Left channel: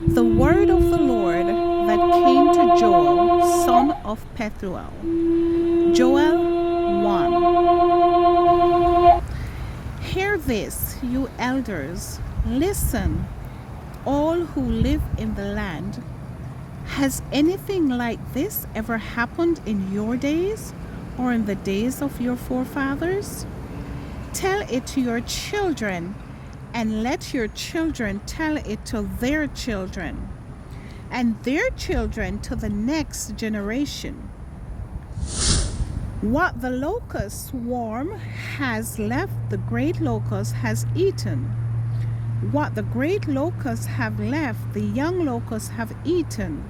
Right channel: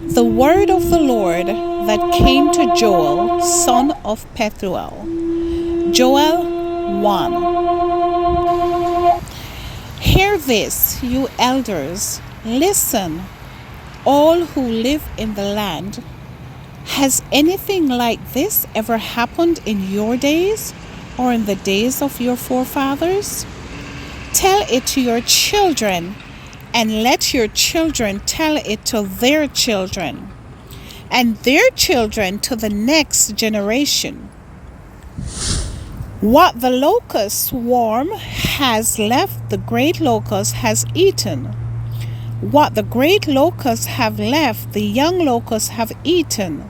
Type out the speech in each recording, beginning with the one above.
The word of the Lord that came to Joel, son of Pethuel. Joel 1. Hear this, you elders. Listen, all who live in the land. Has anything like this ever happened in your days or in the days of your forefathers? Tell it to your children, and let your children tell it to their children, and their children to the next generation. What the locust swarm has left, the great locust has eaten. What the great locusts have left, the young locusts have eaten.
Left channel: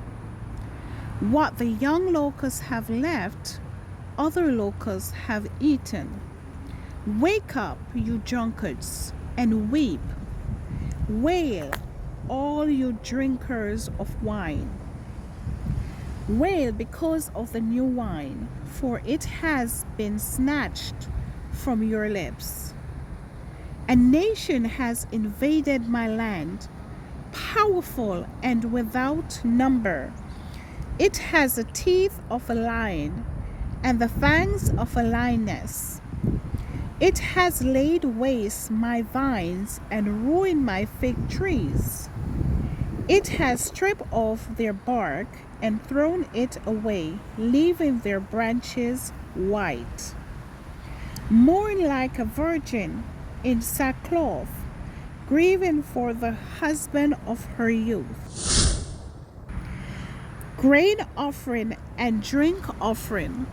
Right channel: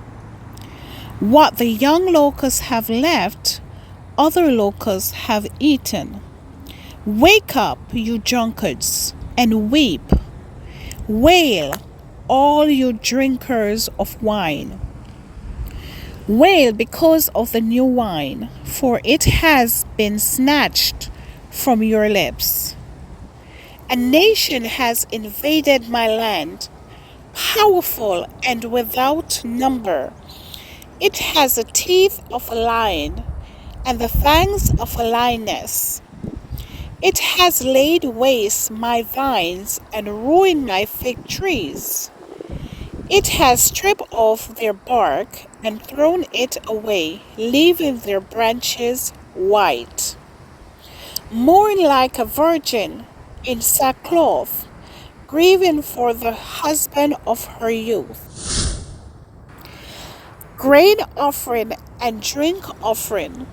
What the young locusts have left, other locusts have eaten. Wake up, you drunkards, and weep. Wail, all you drinkers of wine. Wail because of the new wine, for it has been snatched from your lips. A nation has invaded my land, powerful and without number. It has the teeth of a lion and the fangs of a lioness. It has laid waste my vines and ruined my fig trees. It has stripped off their bark and thrown it away, leaving their branches white. Mourn like a virgin in sackcloth, grieving for the husband of her youth. Grain offering and drink offering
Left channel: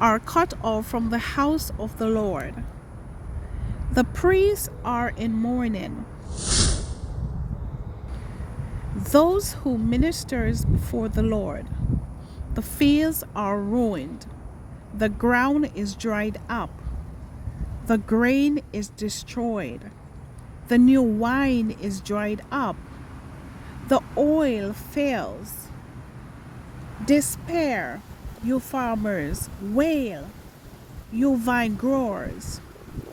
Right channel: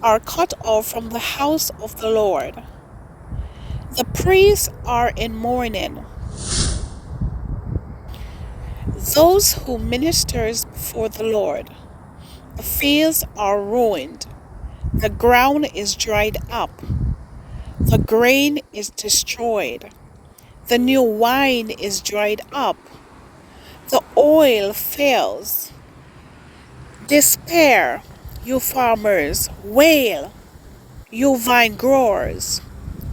are cut off from the house of the Lord. The priests are in mourning. Those who ministers before the Lord. The fields are ruined. The ground is dried up. The grain is destroyed. The new wine is dried up. The oil fails. Despair, you farmers. Wail, you vine growers.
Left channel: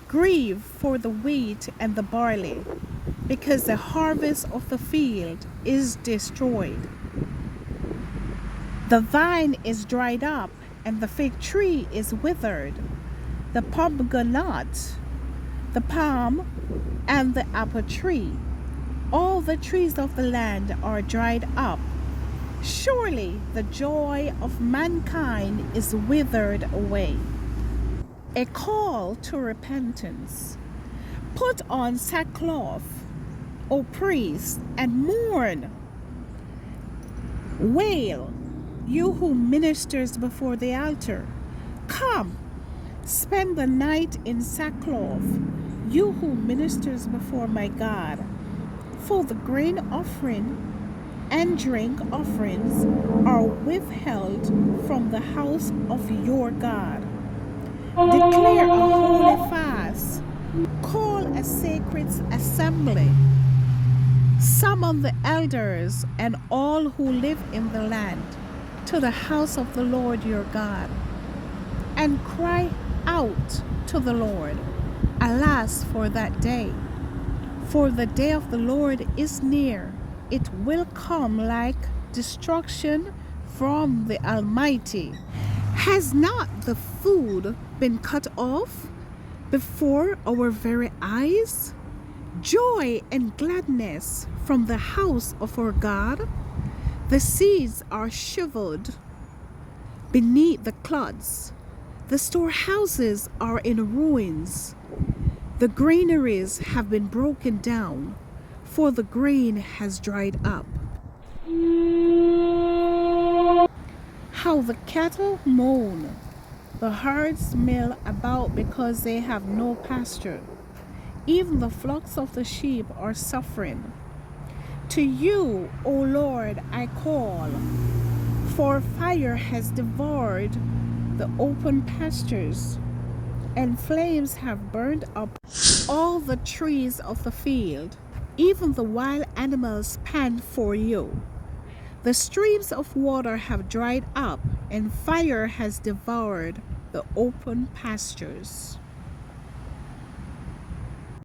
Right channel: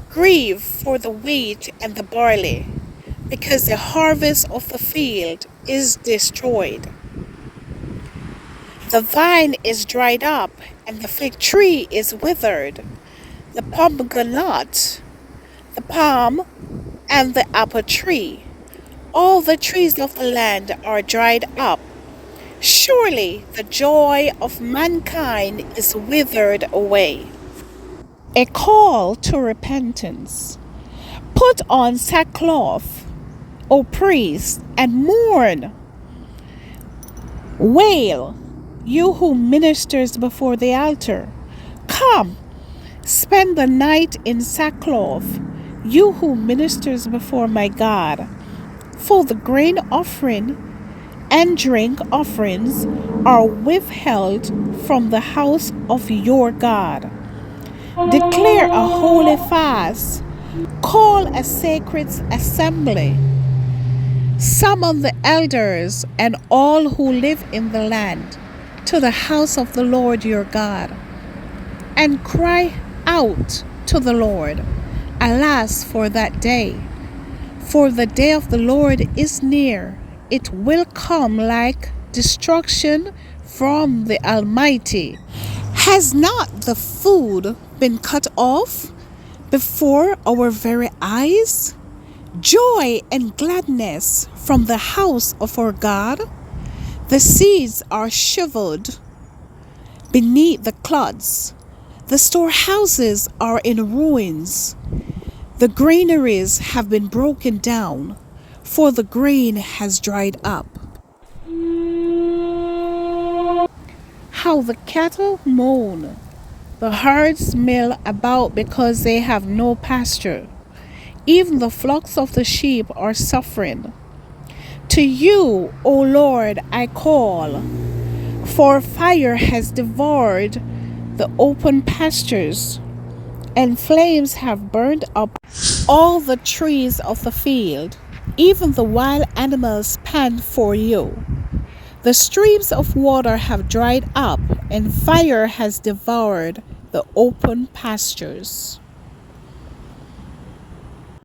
Grieve for the wheat and the barley, because the harvest of the field is destroyed. The vine is dried up, and the fig tree is withered. The pomegranate, the palm, and the apple tree, all the trees of the land are dried up. Surely the joy of mankind is withered away. A call to repentance. Put on sackcloth, O priests, and mourn. Wail, you who ministers before the altar. Come, spend the night in sackcloth, you who ministers before my God. For the grain offering and drink offerings are withheld from the house of your God. Declare a holy fast. Call a sacred assembly. Summon the elders and all who live in the land to the house of the Lord your God, and cry out to the Lord. Alas for that day! For the day of the Lord is near. It will come like destruction from the Almighty. Has not the food been cut off before our very eyes? Joy and gladness from the house of our God. The seeds are shriveled beneath the clods. The storehouses are in ruins. The granaries have been broken down, for the grain has dried up. How the cattle moan, the herds mill about because they have no pasture. Even the flocks of the sheep are suffering. To you, O Lord, I call, for fire has devoured the open pastures, and flames have burned up all the trees of the field. Even the wild animals pant for you. The streams of water have dried up, and fire has devoured the open pastures.